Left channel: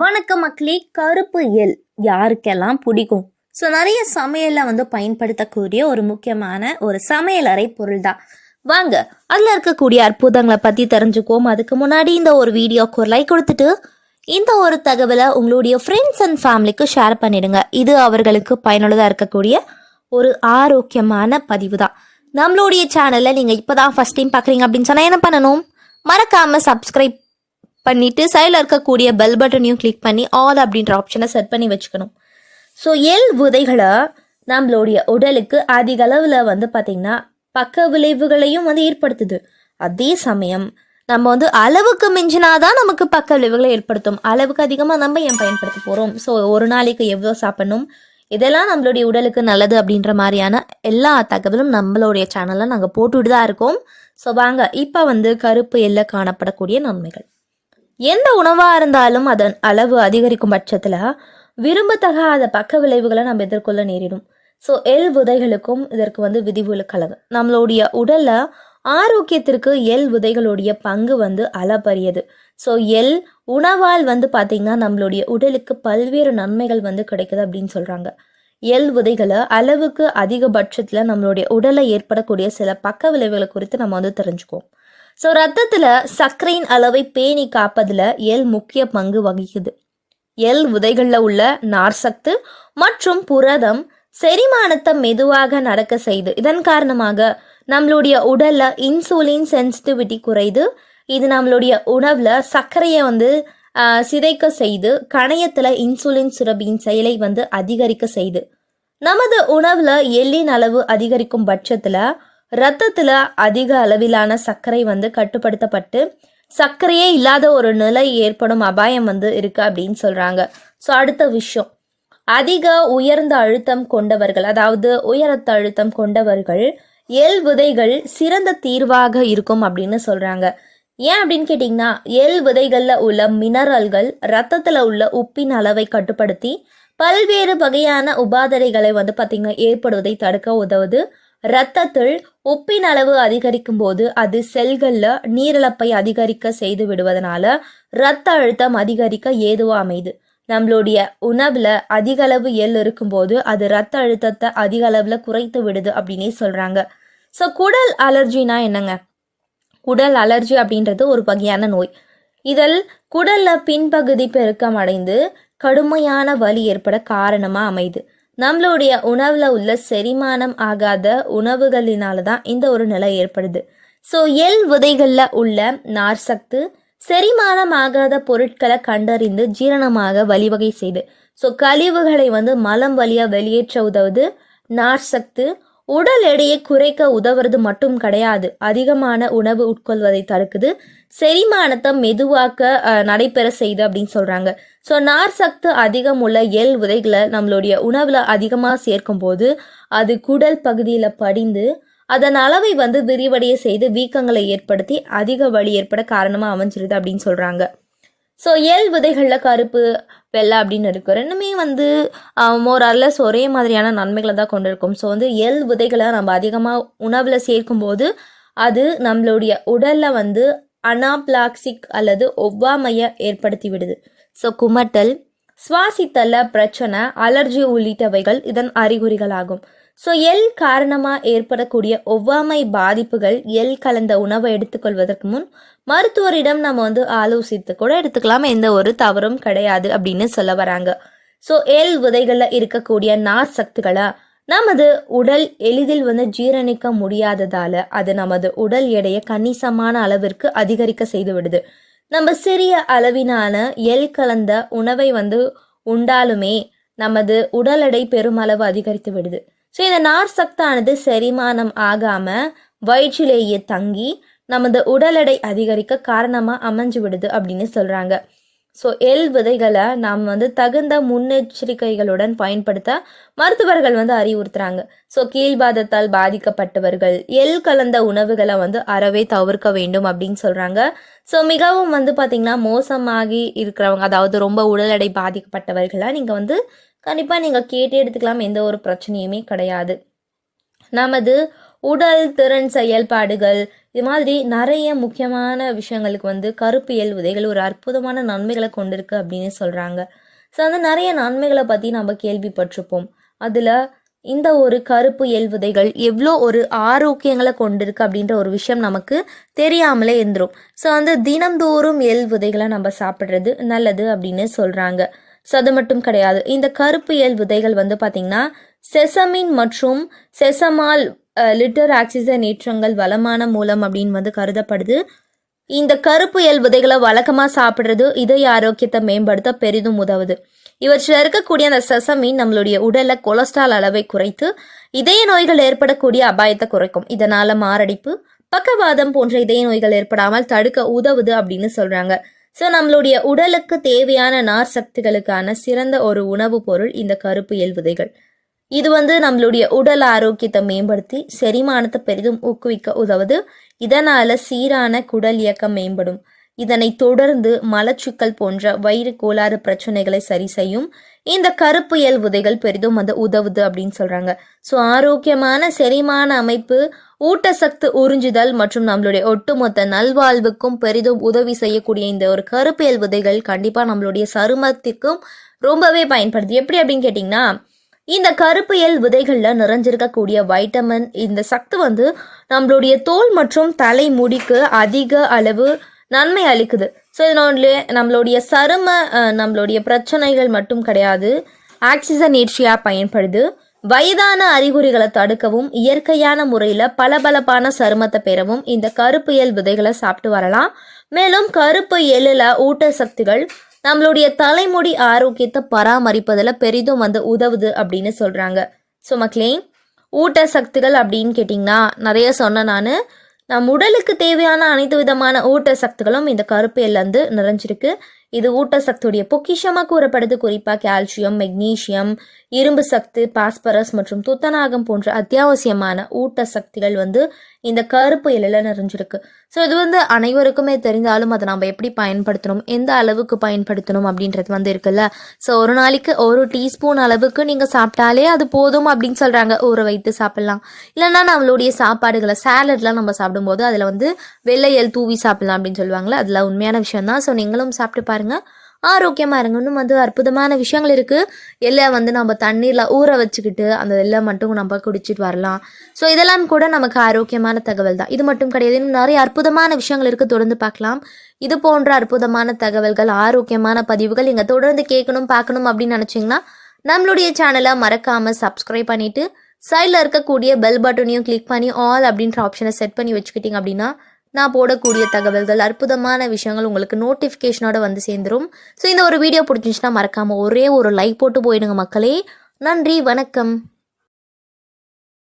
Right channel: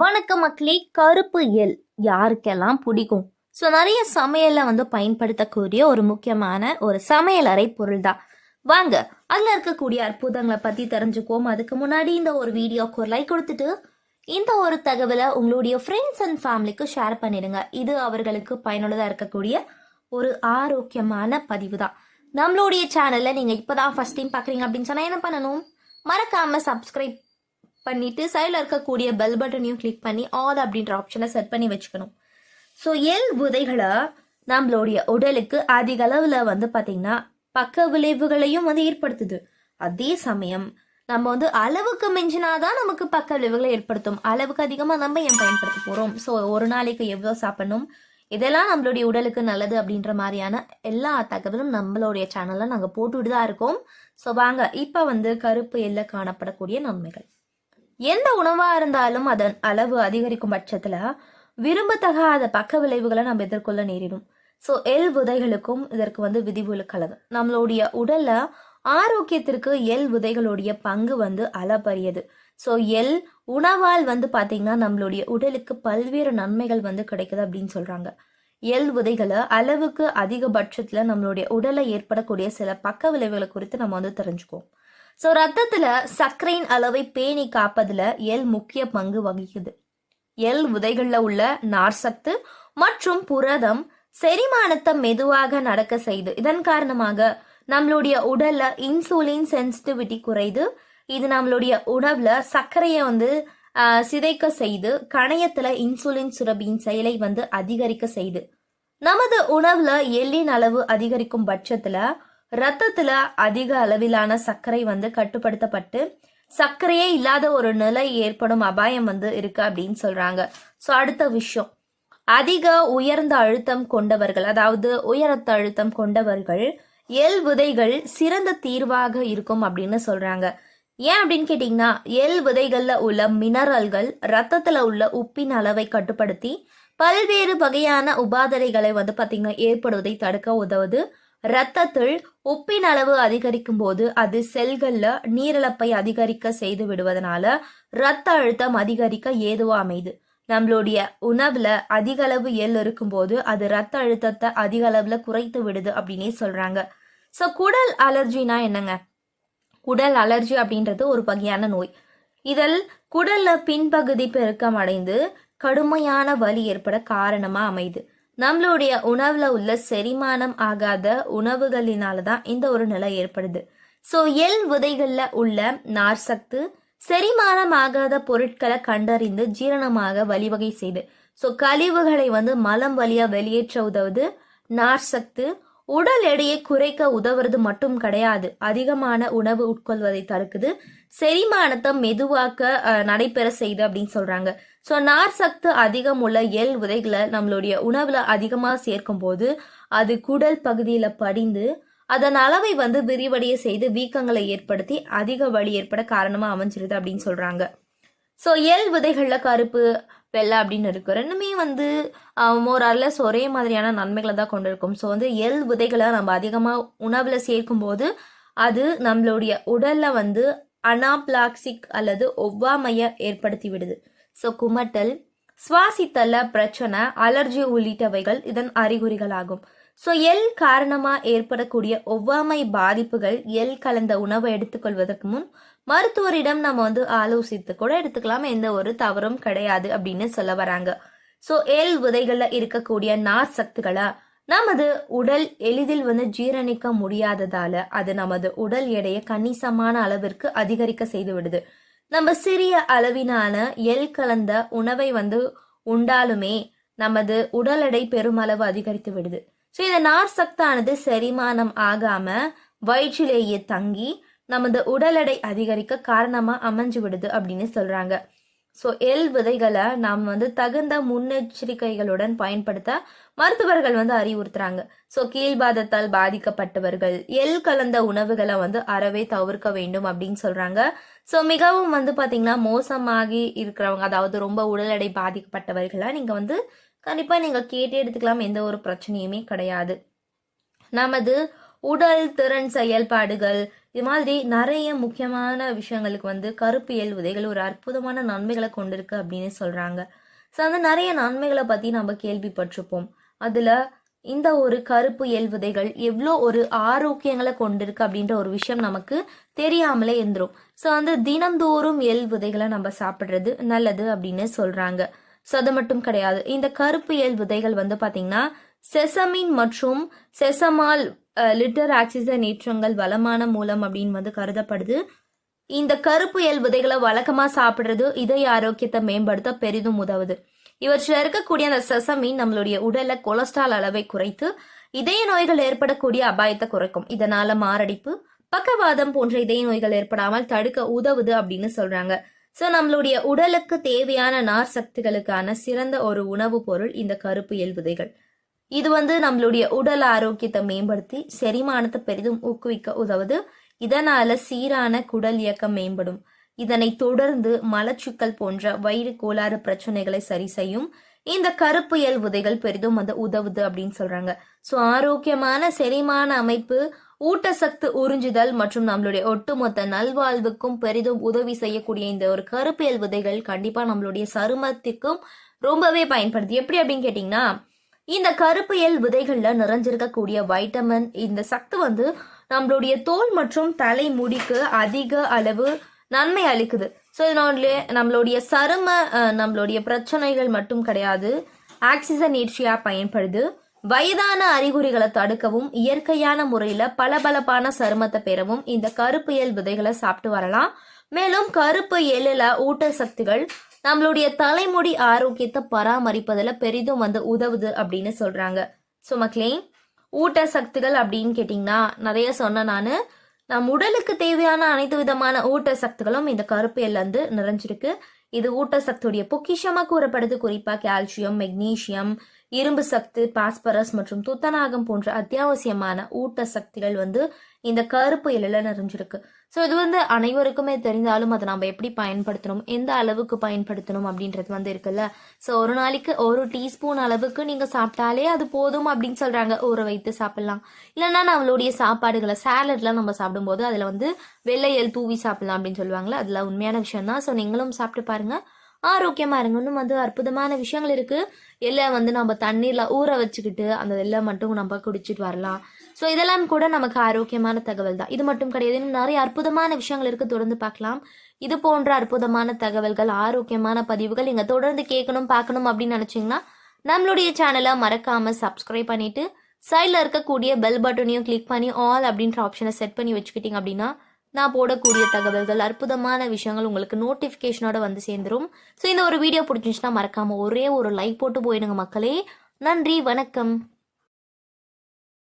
வணக்கம் மக்களே. கருப்பு எள் யாருக்கெல்லாம் பிடிக்கும்? ஸோ நிறைய சமையலில் பயன்படுத்தக்கூடிய ஒரு முக்கியமான ஒரு சமையலறை பொருள் தான். வாங்க அதில் இருக்கக்கூடிய அற்புதங்களை பற்றி தெரிஞ்சுக்குவோம். அதுக்கு முன்னாடி இந்த ஒரு வீடியோக்கு ஒரு லைக் கொடுத்துட்டு இந்த ஒரு தகவலை உங்களுடைய ஃப்ரெண்ட்ஸ் அண்ட் ஃபேமிலிக்கு ஷேர் பண்ணிடுங்க. இது அவர்களுக்கு பயனுள்ளதாக இருக்கக்கூடிய ஒரு ஆரோக்கியமான பதிவு தான். நம்மளுடைய சேனலில் நீங்கள் இப்போ தான் ஃபஸ்ட் டைம் பார்க்குறீங்க அப்படின்னு சொன்னால் என்ன பண்ணணும்? மறக்காமல் சப்ஸ்கிரைப் பண்ணிவிட்டு சைடில் இருக்கக்கூடிய பெல் பட்டனையும் கிளிக் பண்ணி ஆல் அப்படின்ற ஆப்ஷனை செட் பண்ணி வச்சுக்கணும். ஸோ எள் விதைகளை நம்மளுடைய உடலுக்கு அதிக அளவில் பார்த்திங்கன்னா பக்க விளைவுகளையும் ஏற்படுத்துது. அதே சமயம் நம்ம அளவுக்கு மிஞ்சினாதான் நமக்கு பக்க விளைவுகளை ஏற்படுத்தும். அளவுக்கு அதிகமாக நம்ம ஏன் பயன்படுத்த போகிறோம்? ஸோ ஒரு நாளைக்கு எவ்வளோ சாப்பிடணும், இதெல்லாம் நம்மளுடைய உடலுக்கு நல்லது அப்படின்ற மாதிரியான எல்லா தகவலும் நம்மளுடைய சேனலில் நாங்கள் போட்டுட்டு தான் இருக்கோம். ஸோ வாங்க இப்போ கருப்பு எள்ள காணப்படக்கூடிய நன்மைகள். எந்த உணவாக இருந்தாலும் அதன் அளவு அதிகரிக்கும் பட்சத்தில் விரும்பத்தகாத பக்க விளைவுகளை நம்ம எதிர்கொள்ள நேரிடும். ஸோ எள் விதைகளுக்கும் இதற்கு விதிவிலக்கலது. நம்மளுடைய உடல்ல ஆரோக்கியத்திற்கு எள் விதைகளுடைய பங்கு அளப்பரியது. ஸோ எள் உணவால் பார்த்தீங்கன்னா நம்மளுடைய உடலுக்கு பல்வேறு நன்மைகள் கிடைக்குது அப்படின்னு சொல்றாங்க. எள் விதைகளை அளவுக்கு அதிகபட்சத்தில் நம்மளுடைய உடலை ஏற்படக்கூடிய சில பக்க விளைவுகளை குறித்து நம்ம தெரிஞ்சுக்குவோம். ஸோ ரத்தத்தில் சர்க்கரையின் அளவை பேணி காப்பதில் எள் முக்கிய பங்கு வகிக்குது. எள் விதைகளில் உள்ள நார்சத்து மற்றும் புரதம் செரிமானத்தை மெதுவாக நடக்க செய்து. இதன் காரணமாக நம்மளுடைய உடல்ல இன்சுலின் சென்சிட்டிவிட்டி குறைது. இது நம்மளுடைய உணவுல சர்க்கரையை சிதைக்க செய்து கணையத்துல இன்சுலின் சுரப்பியின் செயலை அதிகரிக்க செய்து. நமது உணவுல எள்ளின் அளவு அதிகரிக்கும் பட்சத்துல ரத்தத்துல அதிக அளவிலான சர்க்கரை கட்டுப்படுத்தப்பட்டு சர்க்கரையே இல்லாத ஒரு நிலை ஏற்படும் அபாயம் இருக்கு அப்படின்னு சொல்றாங்க. ஸோ அடுத்த விஷயம், அதிக உயர்ந்த அழுத்தம் கொண்டவர்கள், அதாவது உயரத்த அழுத்தம் கொண்டவர்கள் எள் விதைகள் சிறந்த தீர்வாக இருக்கும் அப்படின்னு சொல்றாங்க. ஏன் அப்படின்னு கேட்டீங்கன்னா, எள் விதைகள்ல உள்ள மினரல்கள் ரத்தத்துல உள்ள உப்பின் அளவை கட்டுப்படுத்தி பல்வேறு வகையான உபாதைகளை பார்த்தீங்கன்னா ஏற்படுவதை தடுக்க உதவுது. இரத்தத்தில் உப்பின் அளவு அதிகரிக்கும் போது அது செல்கள்ல நீரிழப்பை அதிகரிக்க செய்து விடுவதனால இரத்த அழுத்தம் அதிகரிக்க ஏதுவா அமைது. நம்மளுடைய உணவுல அதிக அளவு எள் இருக்கும்போது அது இரத்த அழுத்தத்தை அதிக அளவுல குறைத்து விடுது அப்படின்னே சொல்றாங்க. ஸோ குடல் அலர்ஜினா என்னங்க? குடல் அலர்ஜி அப்படின்றது ஒரு வகையான நோய். இதில் குடல்ல பின்பகுதி பெருக்கம் அடைந்து கடுமையான வலி ஏற்பட காரணமா அமைது. நம்மளுடைய உணவுல உள்ள செரிமானம் ஆகாத உணவுகளினால தான் இந்த ஒரு நிலை ஏற்படுது. ஸோ எள் விதைகள்ல உள்ள நார் சத்து செரிமானம் ஆகாத பொருட்களை கண்டறிந்து ஜீரணமாக வழிவகை செய்து. ஸோ கழிவுகளை மலம் வழியா வெளியேற்ற உதவுது. நார் சத்து உடல் எடையை குறைக்க உதவுறது மட்டும் கிடையாது, அதிகமான உணவு உட்கொள்வதை தடுக்குது, செரிமானத்தை மெதுவாக்க நடைபெற செய்து அப்படின்னு சொல்றாங்க. ஸோ நார் சத்து அதிகம் உள்ள எள் விதைகளை நம்மளுடைய உணவுல அதிகமாக சேர்க்கும் போது அது குடல் பகுதியில படிந்து அதன் அளவை விரிவடைய செய்து வீக்கங்களை ஏற்படுத்தி அதிக வலி ஏற்பட காரணமா அமைஞ்சிருது அப்படின்னு சொல்றாங்க. ஸோ எள் விதைகள்ல கருப்பு வெள்ளை அப்படின்னு இருக்கு. ரெண்டுமே மோரல்லஸ் ஒரே மாதிரியான நன்மைகளை தான் கொண்டிருக்கும். ஸோ எள் விதைகளை நம்ம அதிகமாக உணவுல சேர்க்கும் போது அது நம்மளுடைய உடல்ல அனாப்ளாக்சிக் அல்லது ஒவ்வாமையை ஏற்படுத்தி விடுது. ஸோ குமட்டல், சுவாசித்தல பிரச்சனை, அலர்ஜி உள்ளிட்டவைகள் இதன் அறிகுறிகள் ஆகும். ஸோ எள் காரணமாக ஏற்படக்கூடிய ஒவ்வாமை பாதிப்புகள் எள் கலந்த உணவை எடுத்துக்கொள்வதற்கு முன் மருத்துவரிடம் நம்ம ஆலோசித்து கூட எடுத்துக்கலாம், எந்த ஒரு தவறும் கிடையாது அப்படின்னு சொல்ல வராங்க. ஸோ எள் விதைகளில் இருக்கக்கூடிய நார் சத்துக்களை நமது உடல் எளிதில் ஜீரணிக்க முடியாததால அது நமது உடல் எடையை கணிசமான அளவிற்கு அதிகரிக்க செய்து விடுது. நம்ம சிறிய அளவிலான எள் கலந்த உணவை உண்டாலுமே நமது உடல் எடை பெருமளவு அதிகரித்து விடுது. ஸோ இந்த நார் சத்தானது செரிமானம் ஆகாம வயிற்றிலேயே தங்கி நமது உடல் எடை அதிகரிக்க காரணமா அமைஞ்சு விடுது அப்படின்னு சொல்றாங்க. ஸோ எள் விதைகளை நாம் தகுந்த முன்னெச்சரிக்கைகளுடன் பயன்படுத்த மருத்துவர்கள் அறிவுறுத்துறாங்க. ஸோ கீழ்வாதத்தால் பாதிக்கப்பட்டவர்கள் எள் கலந்த உணவுகளை அறவே தவிர்க்க வேண்டும் அப்படின்னு சொல்றாங்க. ஸோ மிகவும் பார்த்தீங்கன்னா மோசமாகி இருக்கிறவங்க, அதாவது ரொம்ப உடல் எடை பாதிக்கப்பட்டவர்களை நீங்கள் கண்டிப்பாக நீங்கள் கேட்டு எடுத்துக்கலாம், எந்த ஒரு பிரச்சனையுமே கிடையாது. நமது உடல் திறன் செயல்பாடுகள் இது மாதிரி நிறைய முக்கியமான விஷயங்களுக்கு வந்து கருப்பு எள் விதைகள் ஒரு அற்புதமான நன்மைகளை கொண்டிருக்கு அப்படின்னு சொல்கிறாங்க. ஸோ அந்த நிறைய நன்மைகளை பற்றி நம்ம கேள்விப்பட்டிருப்போம். அதில் இந்த ஒரு கருப்பு எள் விதைகள் எவ்வளோ ஒரு ஆரோக்கியங்களை கொண்டிருக்கு அப்படின்ற ஒரு விஷயம் நமக்கு தெரியாமலே இருந்துரும். ஸோ வந்து தினந்தோறும் எள் விதைகளை நம்ம சாப்பிட்றது நல்லது அப்படின்னு சொல்கிறாங்க. ஸோ அது மட்டும் கிடையாது, இந்த கருப்பு எள் விதைகள் வந்து பார்த்திங்கன்னா செசமின் மற்றும் செசமால் லிட்டர் ஆக்சிஜனேற்றங்கள் வளமான மூலம் அப்படின்னு வந்து கருதப்படுது. இந்த கருப்பு எள் விதைகளை வழக்கமாக சாப்பிட்றது இதய ஆரோக்கியத்தை மேம்படுத்த பெரிதும் உதவுது. இவற்றில் இருக்கக்கூடிய அந்த செசமின் நம்மளுடைய உடலில் கொலஸ்ட்ரால் அளவை குறைத்து இதய நோய்கள் ஏற்படக்கூடிய அபாயத்தை குறைக்கும். இதனால மாரடைப்பு, பக்கவாதம் போன்ற இதய நோய்கள் ஏற்படாமல் தடுக்க உதவுது அப்படின்னு சொல்றாங்க. ஸோ நம்மளுடைய உடலுக்கு தேவையான நார் சக்திகளுக்கான சிறந்த ஒரு உணவுப் பொருள் இந்த கருப்பு எள் விதைகள். இது வந்து நம்மளுடைய உடல் ஆரோக்கியத்தை மேம்படுத்தி செரிமானத்தை பெரிதும் ஊக்குவிக்க உதவுது. இதனால சீரான குடல் இயக்கம் மேம்படும். இதனை தொடர்ந்து மலச்சிக்கல் போன்ற வயிறு கோளாறு பிரச்சனைகளை சரி செய்யும். இந்த கருப்பு எள் விதைகள் பெரிதும் வந்து உதவுது அப்படின்னு சொல்றாங்க. ஸோ ஆரோக்கியமான செரிமான அமைப்பு, ஊட்டச்சத்து உறிஞ்சுதல் மற்றும் நம்மளுடைய ஒட்டுமொத்த நல்வாழ்வுக்கும் பெரிதும் உதவி செய்யக்கூடிய இந்த ஒரு கருப்பு எள் விதைகள் கண்டிப்பா நம்மளுடைய சருமத்துக்கும் ரொம்பவே பயன்படுது. எப்படி அப்படின்னு கேட்டிங்கன்னா, இந்த கருப்பு எள் விதைகள்ல நிறைஞ்சிருக்கக்கூடிய வைட்டமின், இந்த சத்து வந்து நம்மளுடைய தோல் மற்றும் தலை முடிக்கு அதிக அளவு நன்மை அளிக்குது. ஸோ இதனுடைய நம்மளுடைய சரும நம்மளுடைய பிரச்சனைகள் மட்டும் கிடையாது, ஆக்சிஜனேற்றியாக பயன்படுது. வயதான அறிகுறிகளை தடுக்கவும் இயற்கையான முறையில் பளபளப்பான சருமத்தை பெறவும் இந்த கருப்பு எள் விதைகளை சாப்பிட்டு வரலாம். மேலும் கருப்பு எள்ளில் ஊட்டச்சத்துகள் நம்மளுடைய தலைமுடி ஆரோக்கியத்தை பராமரிப்பதில் பெரிதும் வந்து உதவுது அப்படின்னு சொல்கிறாங்க. ஸோ மக்களே, ஊட்டச்சத்துகள் அப்படின்னு கேட்டிங்கன்னா நிறைய சொன்னேன் நான். நம் உடலுக்கு தேவையான அனைத்து விதமான ஊட்டச்சத்துகளும் இந்த கருப்பு எள்ல வந்து நிறைஞ்சிருக்கு. இது ஊட்டச்சத்துடைய பொக்கிஷமாக கூறப்படுது. குறிப்பாக கால்சியம், மெக்னீசியம், இரும்பு சத்து, பாஸ்பரஸ் மற்றும் துத்தநாகம் போன்ற அத்தியாவசியமான ஊட்டச்சத்துகள் வந்து இந்த கருப்பு எள்ளில் நிறைஞ்சிருக்கு. ஸோ இது வந்து அனைவருக்குமே தெரிந்தாலும் அதை நம்ம எப்படி பயன்படுத்தணும், எந்த அளவுக்கு பயன்படுத்தணும் அப்படின்றது வந்து இருக்குல்ல. ஸோ ஒரு நாளைக்கு ஒரு டீஸ்பூன் அளவுக்கு நீங்கள் சாப்பிட்டாலே அது போதும் அப்படின்னு சொல்கிறாங்க. ஊற வைத்து சாப்பிட்லாம். இல்லைன்னா நம்மளுடைய சாப்பாடுகளை சாலட்லாம் நம்ம சாப்பிடும்போது அதில் வந்து வெள்ளை எள் தூவி சாப்பிட்லாம் அப்படின்னு சொல்லுவாங்களே, அதில் உண்மையான விஷயம் தான். ஸோ நீங்களும் சாப்பிட்டு பாருங்கள், ஆரோக்கியமாக இருங்க. இன்னும் வந்து அற்புதமான விஷயங்கள் இருக்குது. எள்ளை வந்து நம்ம தண்ணீரில் ஊற வச்சுக்கிட்டு அந்த எள்ளை மட்டும் நம்ம குடிச்சிட்டு வரலாம். ஸோ இதெல்லாம் கூட நமக்கு ஆரோக்கியமான தகவல் தான். இது மட்டும் கிடையாது, இன்னும் நிறைய அற்புதமான விஷயங்கள் இருக்குது, தொடர்ந்து பார்க்கலாம். இது போன்ற அற்புதமான தகவல்கள், ஆரோக்கியமான பதிவுகள் நீங்கள் தொடர்ந்து கேட்கணும் பார்க்கணும் அப்படின்னு நினச்சிங்கன்னா நம்மளுடைய சேனலை மறக்காமல் சப்ஸ்கிரைப் பண்ணிவிட்டு சைடில் இருக்கக்கூடிய பெல் பட்டனையும் கிளிக் பண்ணி ஆல் அப்படின்ற ஆப்ஷனை செட் பண்ணி வச்சுக்கிட்டிங்க அப்படின்னா நான் போடக்கூடிய தகவல்கள், அற்புதமான விஷயங்கள் உங்களுக்கு நோட்டிஃபிகேஷனோட வந்து சேர்ந்துடும். ஸோ இந்த ஒரு வீடியோ பிடிச்சிச்சுன்னா மறக்காமல் ஒரே ஒரு லைக் போட்டு போயிடுங்க மக்களே. நன்றி, வணக்கம்.